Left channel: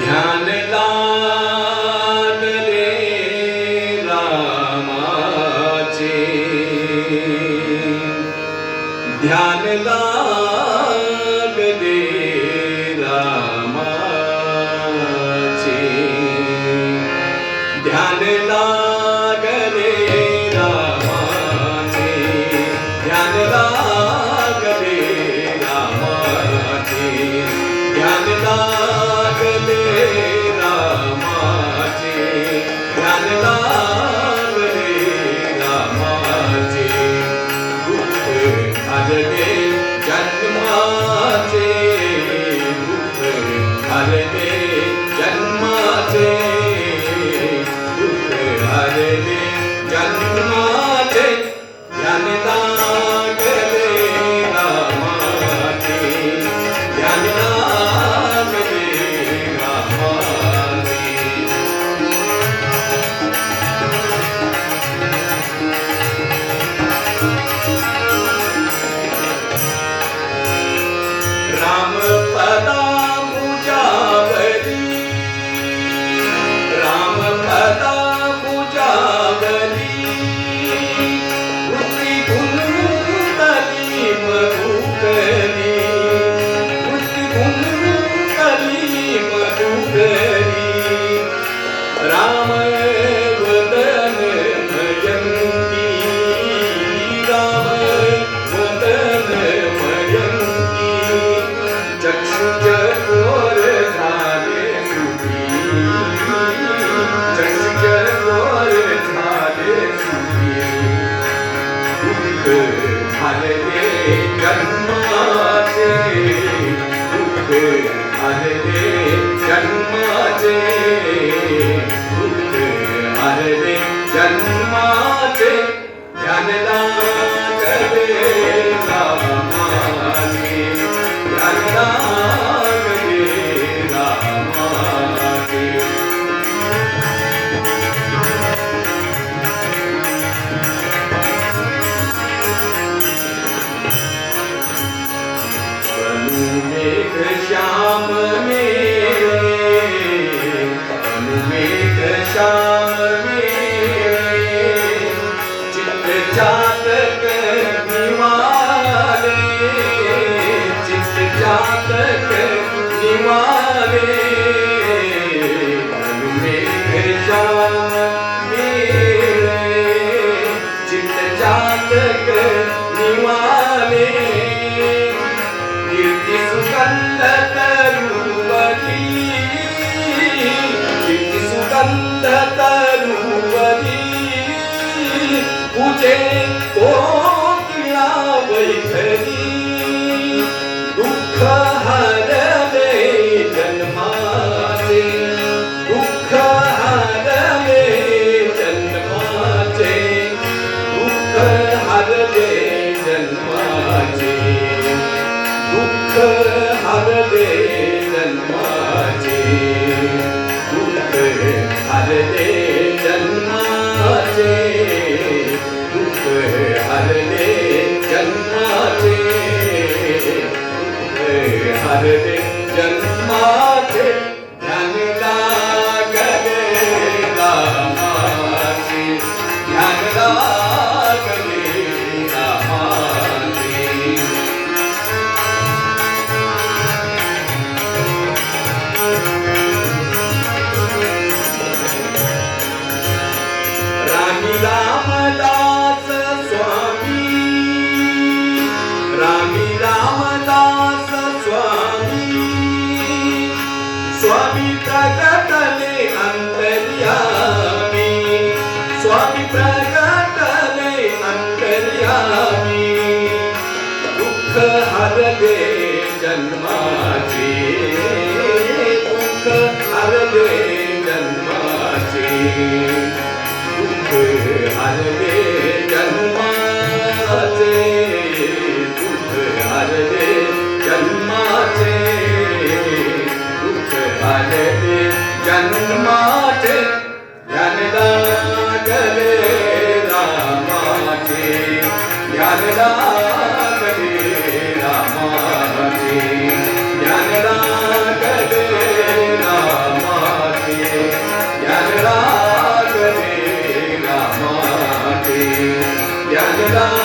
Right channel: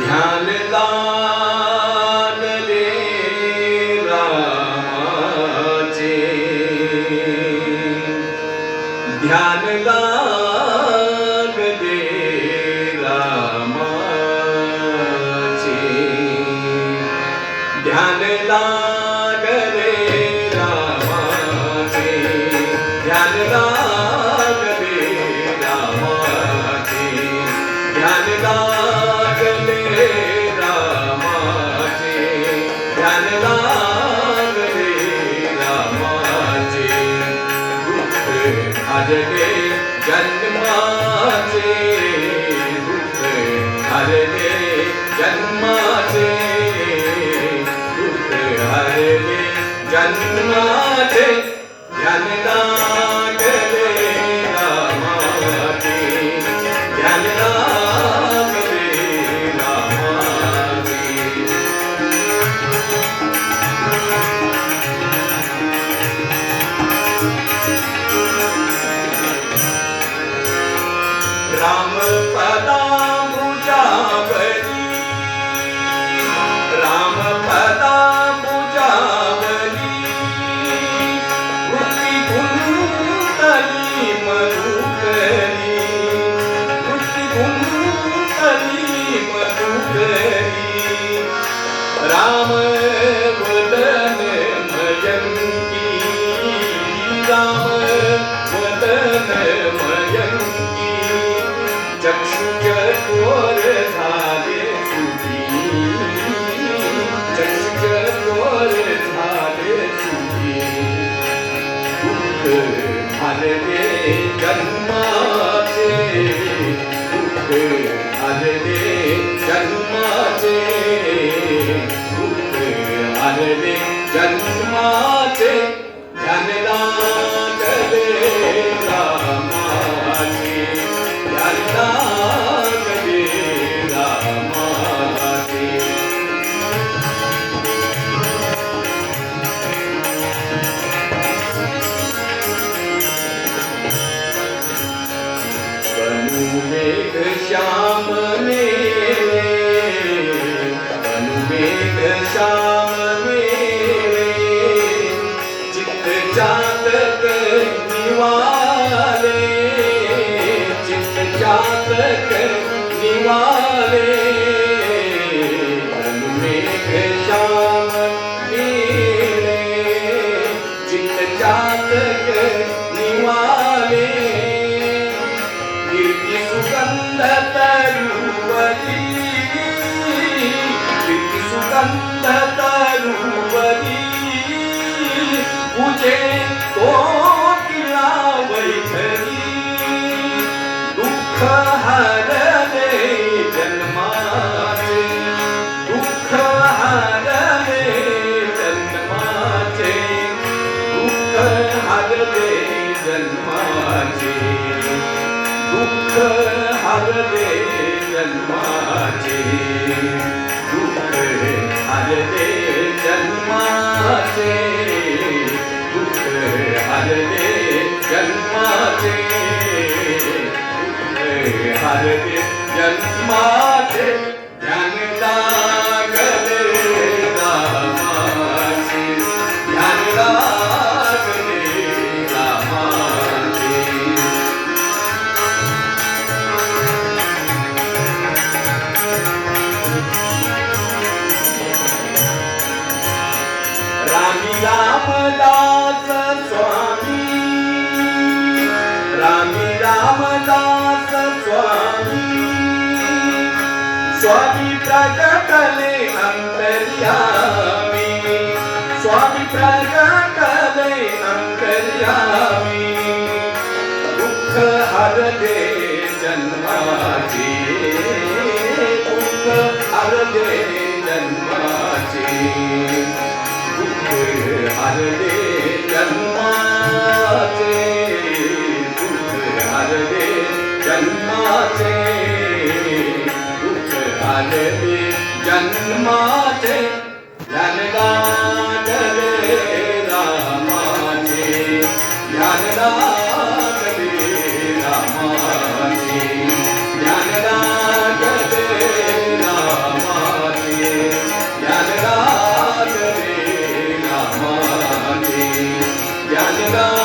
ध्यान लागले रामाचे, ध्यान लागले रामाचे, ध्यान लागले रामाचे, ध्यान लागले रामाचे, ध्यान लागले रामाचे, ध्यान लागले रामाचे, दुःख हरले जन्माचे, दुःख हरले जन्माचे, दुःख हरले जन्माचे, ध्यान लागले रामाचे, ध्यान लागले रामाचे. रामपदांबुजावरी, रामपदांबुजावरी, वृत्ती कुंतली मधुकरी, वृत्ती कुंतली मधुकरी, राम वदन मयंकी, राम वदन मयंकी, चक्षुचक्रोर झाले सुखी, चक्षुचक्रोर झाले सुखी, दुःख हरले जन्माचे, दुःख हरले जन्माचे, दुःख हरले जन्माचे, ध्यान लागले रामाचे, ध्यान लागले रामाचे. अनुमेघ श्याम मेरे, अनुमेघ श्याम मेरे, चित्त जातक निवाले, चित्त जातक निवाले, अनुमेघ श्याम मेरे, चित्त जातक निवाले, कीर्ति सुगंध तरुवरी, कीर्ति सुगंध तरुवरी, पूजे कोकिला वैखरी, दुःख हरले जन्माचे, दुःख हरले जन्माचे, दुःख हरले जन्माचे, दुःख हरले जन्माचे, दुःख हरले जन्माचे, दुःख हरले जन्माचे, दुःख हरले जन्माचे, ध्यान लागले रामाचे, ध्यान लागले रामाचे. रामी रामदास स्वामी, रामी रामदास स्वामी, स्वामी प्रगटले अंतर्यामी, स्वामी प्रगटले अंतर्यामी, दुःख हरले जन्माचे, दुःख हरले जन्माचे, दुःख हरले जन्माचे, दुःख हरले जन्माचे, दुःख हरले जन्माचे, ध्यान लागले ज्ञानदान